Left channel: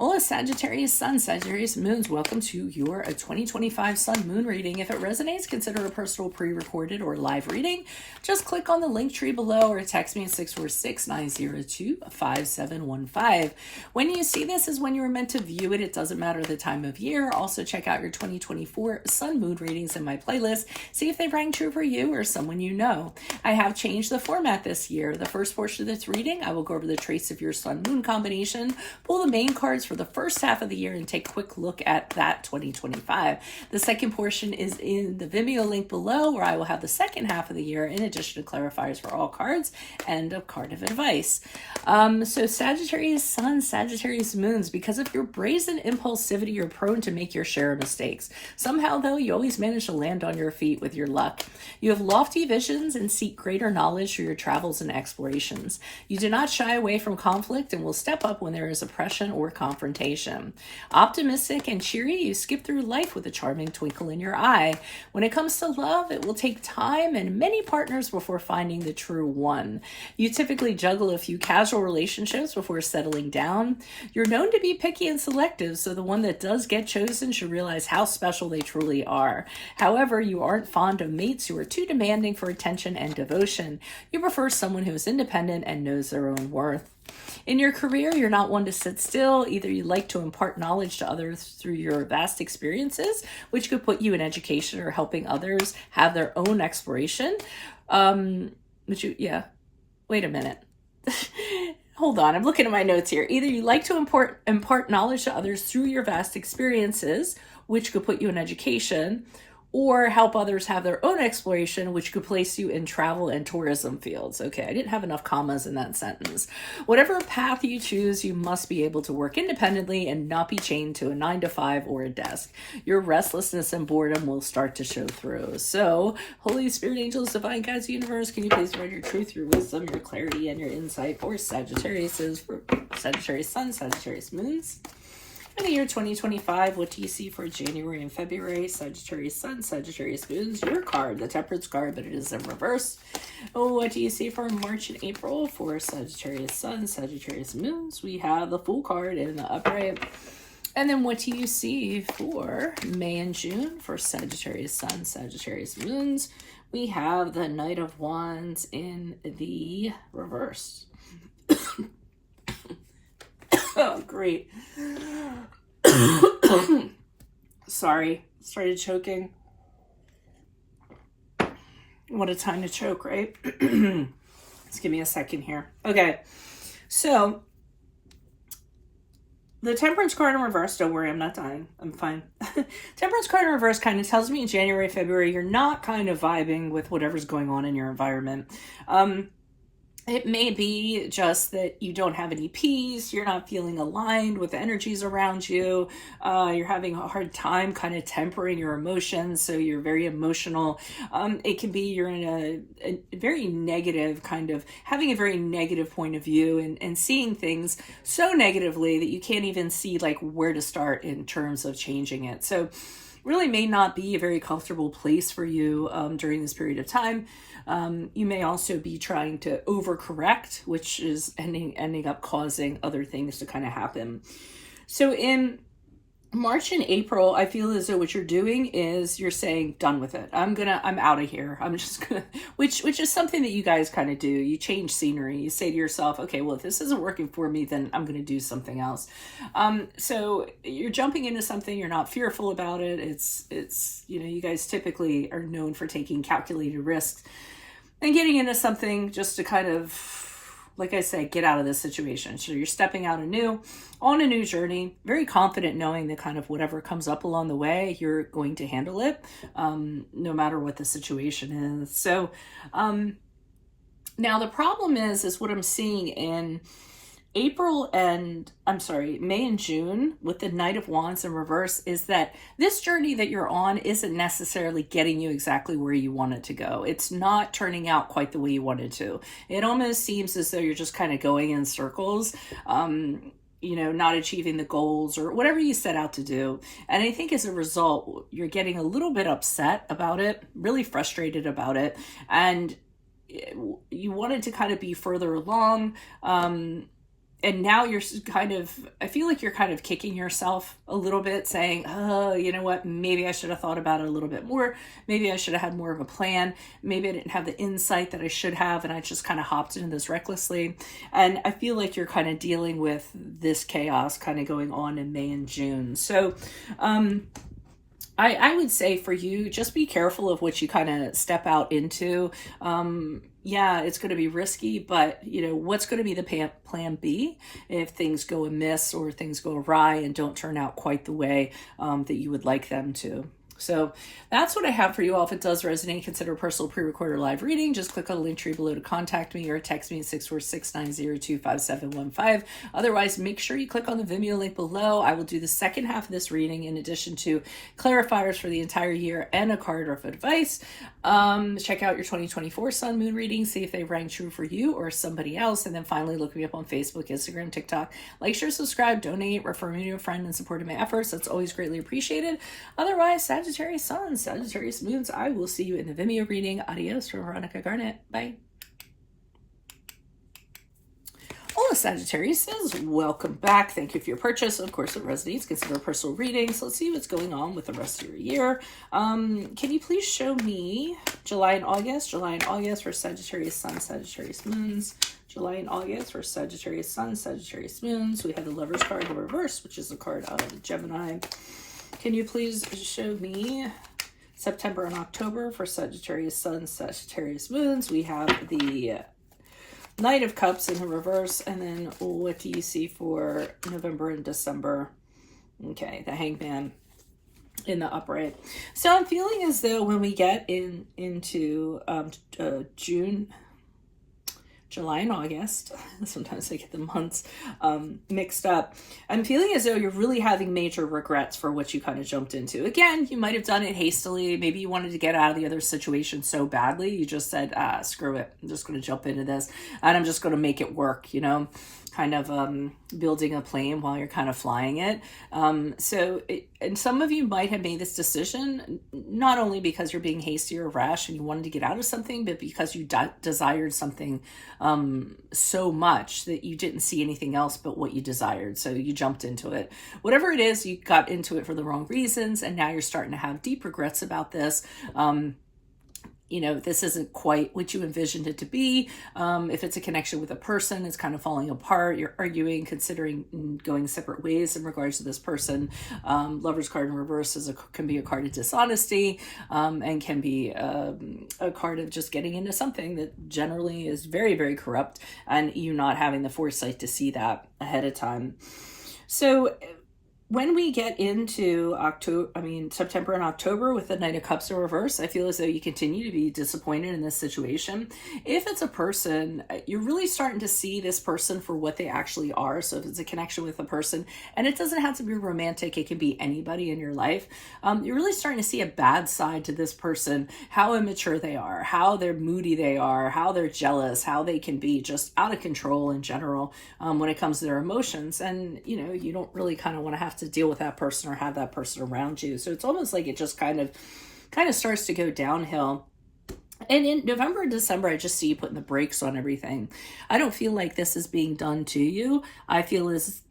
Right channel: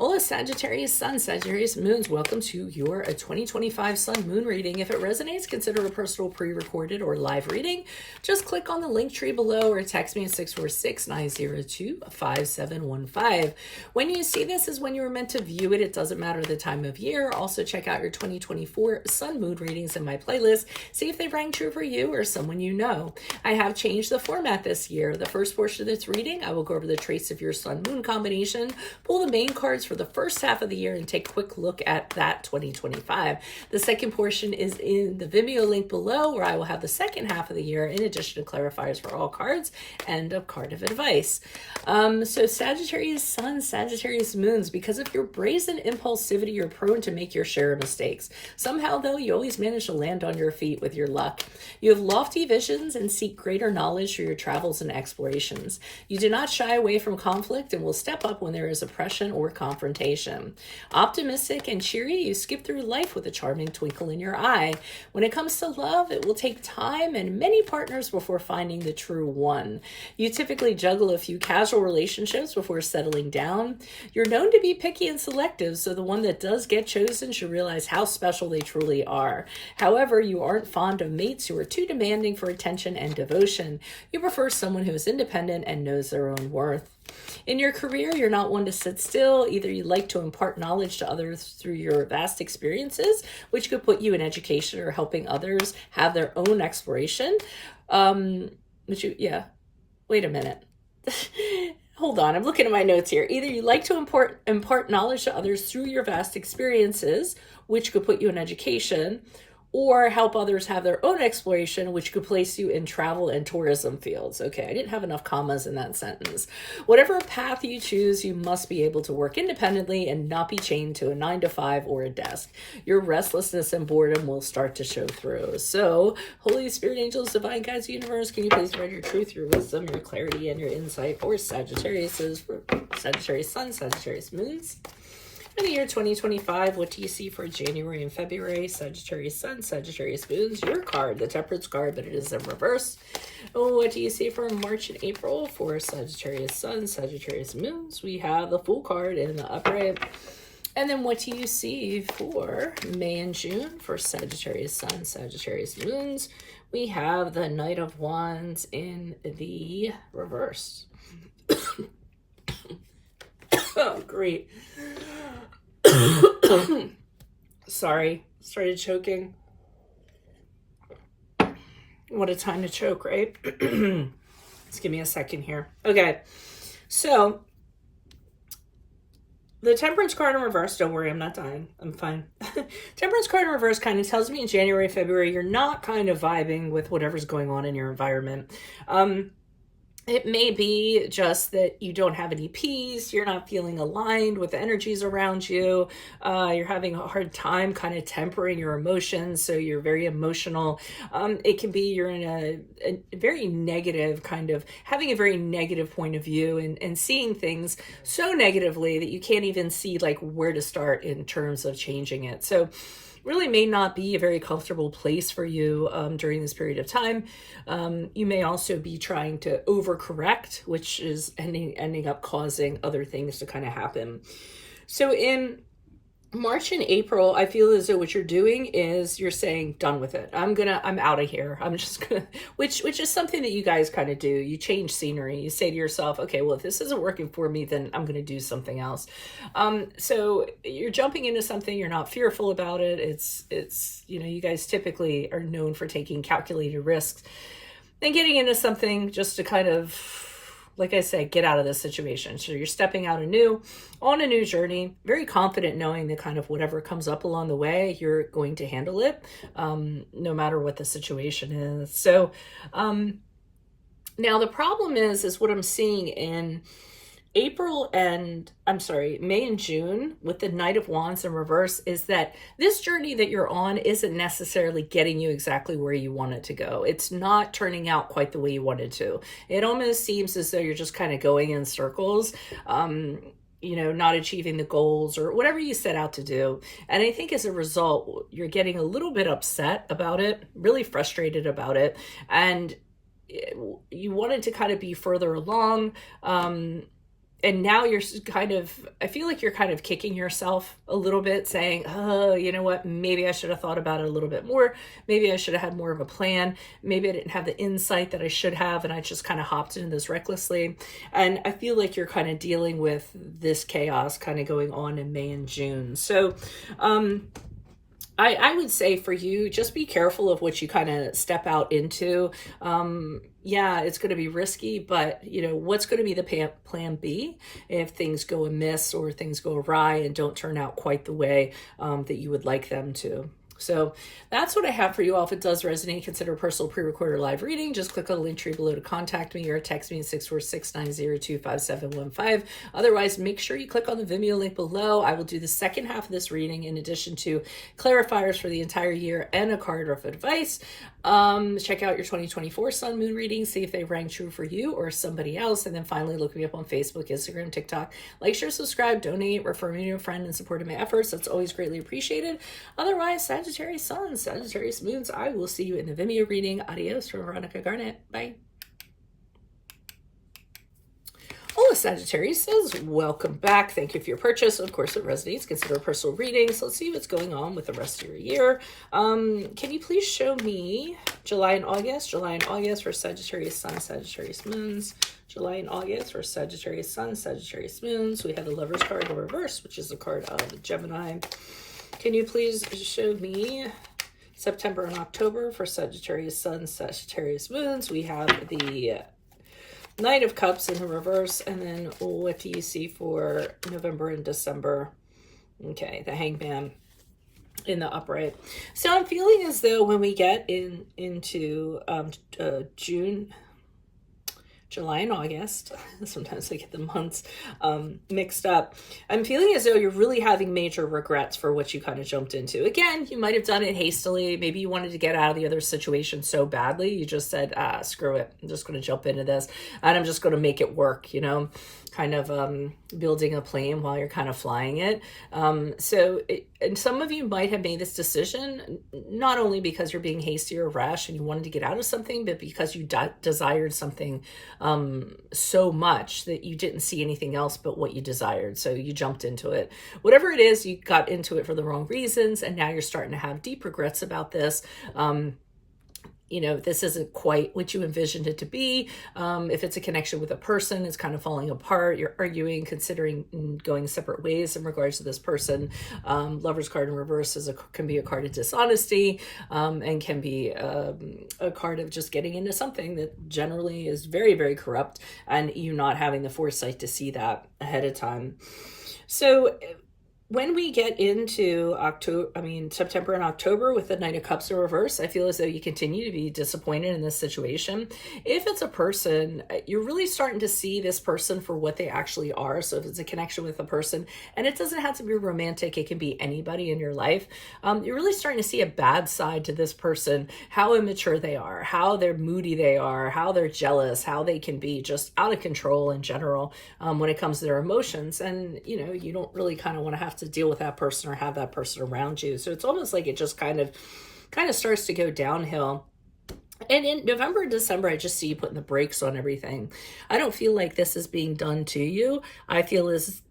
Hola, Sagittarius Sun, Sagittarius Moons. Welcome to your 2025 Sun Moon reading. If it resonates, consider a personal pre-recorded or live reading. Just click on the link tree below or text me at 646-902-5715. When you see this is when you were meant to view it. It doesn't matter the time of year. Also, check out your 2024 Sun Moon readings in my playlist. See if they rang true for you or someone you know. I have changed the format this year. The first portion of this reading, I will go over the traits of your Sun Moon combination, pull the main cards for the first half of the year, and take a quick look at that 2025. The second portion is in the Vimeo link below, where I will have the second half of the year in addition to clarifiers for all cards and a card of advice. So Sagittarius Sun, Sagittarius Moons, because of your brazen impulsivity, you're prone to make your share of mistakes. Somehow, though, you always manage to land on your feet with your luck. You have lofty visions and seek greater knowledge through your travels and explorations. You do not shy away from conflict and will step up when there is oppression or confrontation. Optimistic and cheery, you skip through life with a charming twinkle in your eye. When it comes to love, it will take time and many partners before finding the true one. You typically juggle a few casual relationships before settling down. You're known to be picky and selective, so the one that does get chosen should realize how special they truly are. However, you aren't fond of mates who are too demanding for attention and devotion. You prefer someone who is independent and knows their own worth. In your career, you're not one to sit still. Either you like to impart knowledge to others through your vast experiences, which could put you in education or helping others have their own exploration. Wait a minute. Hold on, I'm looking at my notes here. Either you like to impart knowledge to others through your vast experiences, which could put you in education, or help others have their own exploration, which could place you in travel and tourism fields. Okay, I didn't have enough commas in that sentence. Whatever path you choose, you must be able to work independently and not be chained to a 9-to-5 or a desk. Your restlessness and boredom will start to show through. So, Holy Spirit, angels, divine guides, universe, can you please provide your truth, your wisdom, your clarity, and your insight for Sagittarius, for Sagittarius Sun, Sagittarius Moons? For the year 2025, what do you see for January and February? Sagittarius Sun, Sagittarius Moons, your card, the Temperance card, but it is in reverse. What do you see for March and April for Sagittarius Sun, Sagittarius Moons? We have the Fool card in the upright. And then what do you see for May and June for Sagittarius Sun, Sagittarius Moons? We have the Knight of Wands in the reverse. Oh, great. Sorry, started choking. What a time to choke, right? Just give me a second here. Okay, so the Temperance card in reverse, don't worry, I'm not dying. I'm fine. Temperance card in reverse kind of tells me in January, February, you're not kind of vibing with whatever's going on in your environment. It may be just that you don't have any peace, you're not feeling aligned with the energies around you, you're having a hard time kind of tempering your emotions, so you're very emotional. It can be you're in a very negative kind of, having a very negative point of view and seeing things so negatively that you can't even see like where to start in terms of changing it. So really may not be a very comfortable place for you during this period of time. You may also be trying to overcorrect, which is ending up causing other things to kind of happen. So in March and April, I feel as though what you're doing is you're saying, done with it. I'm out of here. I'm just gonna, which is something that you guys kind of do. You change scenery. You say to yourself, okay, well, if this isn't working for me, then I'm going to do something else. So you're jumping into something. You're not fearful about it. It's, you guys typically are known for taking calculated risks and getting into something just to kind of, like I said, get out of this situation. So you're stepping out on a new journey, very confident knowing that kind of whatever comes up along the way, you're going to handle it, no matter what the situation is. So now the problem is what I'm seeing in May and June with the Knight of Wands in reverse is that this journey that you're on isn't necessarily getting you exactly where you want it to go. It's not turning out quite the way you wanted to. It almost seems as though you're just kind of going in circles, not achieving the goals or whatever you set out to do. And I think as a result, you're getting a little bit upset about it, really frustrated about it. And you wanted to kind of be further along. and now you're kind of, I feel like you're kind of kicking yourself a little bit, saying, oh, you know what, maybe I should have thought about it a little bit more. Maybe I should have had more of a plan. Maybe I didn't have the insight that I should have, and I just kind of hopped into this recklessly. And I feel like you're kind of dealing with this chaos kind of going on in May and June. So, I would say for you, just be careful of what you kind of step out into. Yeah, it's going to be risky, but you know, what's going to be the plan B if things go amiss or things go awry and don't turn out quite the way that you would like them to. So that's what I have for you all. If it does resonate, consider a personal pre-recorded live reading. Just click on the link tree below to contact me or text me at 646-902-5715. Otherwise, make sure you click on the Vimeo link below. I will do the second half of this reading in addition to clarifiers for the entire year and a card of advice. Check out your 2024 Sun Moon reading, see if they rang true for you or somebody else. And then finally, look me up on Facebook, Instagram, TikTok. Like, share, subscribe, donate, refer me to a friend in support of my efforts. That's always greatly appreciated. Otherwise, Sagittarius Suns, Sagittarius Moons, I will see you in the Vimeo reading. Adios from Veronica Garnett. Bye. Hola Sagittarius says, welcome back. Thank you for your purchase. Of course, it resonates. Consider a personal reading. So let's see what's going on with the rest of your year. Can you please show me July and August? July and August for Sagittarius Sun, Sagittarius Moons. July and August for Sagittarius Sun, Sagittarius Moons. We have the Lover's card in reverse, which is a card out of Gemini. Can you please show me September and October for Sagittarius Sun, Sagittarius Moons? We have the Knight of Cups in the reverse, and then what do you see for November and December? Okay, the Hangman in the upright. So I'm feeling as though when we get into June, July and August, sometimes I get the months mixed up, I'm feeling as though you're really having major regrets for what you kind of jumped into. Again, you might have done it hastily. Maybe you wanted to get out of the other situation so badly, you just said, screw it, I'm just going to jump into this, and I'm just going to make it work, you know, kind of building a plane while you're kind of flying it. And some of you might have made this decision, not only because you're being hasty or rash and you wanted to get out of something, but because you desired something so much that you didn't see anything else but what you desired. So you jumped into it. Whatever it is, you got into it for the wrong reasons, and now you're starting to have deep regrets about this. You know, this isn't quite what you envisioned it to be. If it's a connection with a person, it's kind of falling apart. You're arguing, considering going separate ways in regards to this person. Lover's card in reverse can be a card of dishonesty, and can be a card of just getting into something that generally is very, very corrupt, and you not having the foresight to see that ahead of time. So when we get into September and October with the Knight of Cups in reverse, I feel as though you continue to be disappointed in this situation. If it's a person, you're really starting to see this person for what they actually are. So if it's a connection with a person, and it doesn't have to be romantic, it can be anybody in your life. You're really starting to see a bad side to this person, how immature they are, how they're moody they are, how they're jealous, how they can be just out of control in general when it comes to their emotions. And, you know, you don't really kind of want to have to deal with that person or have that person around you. So it's almost like it just kind of starts to go downhill. And in November and December, I just see you putting the brakes on everything. I don't feel like this is being done to you. I feel as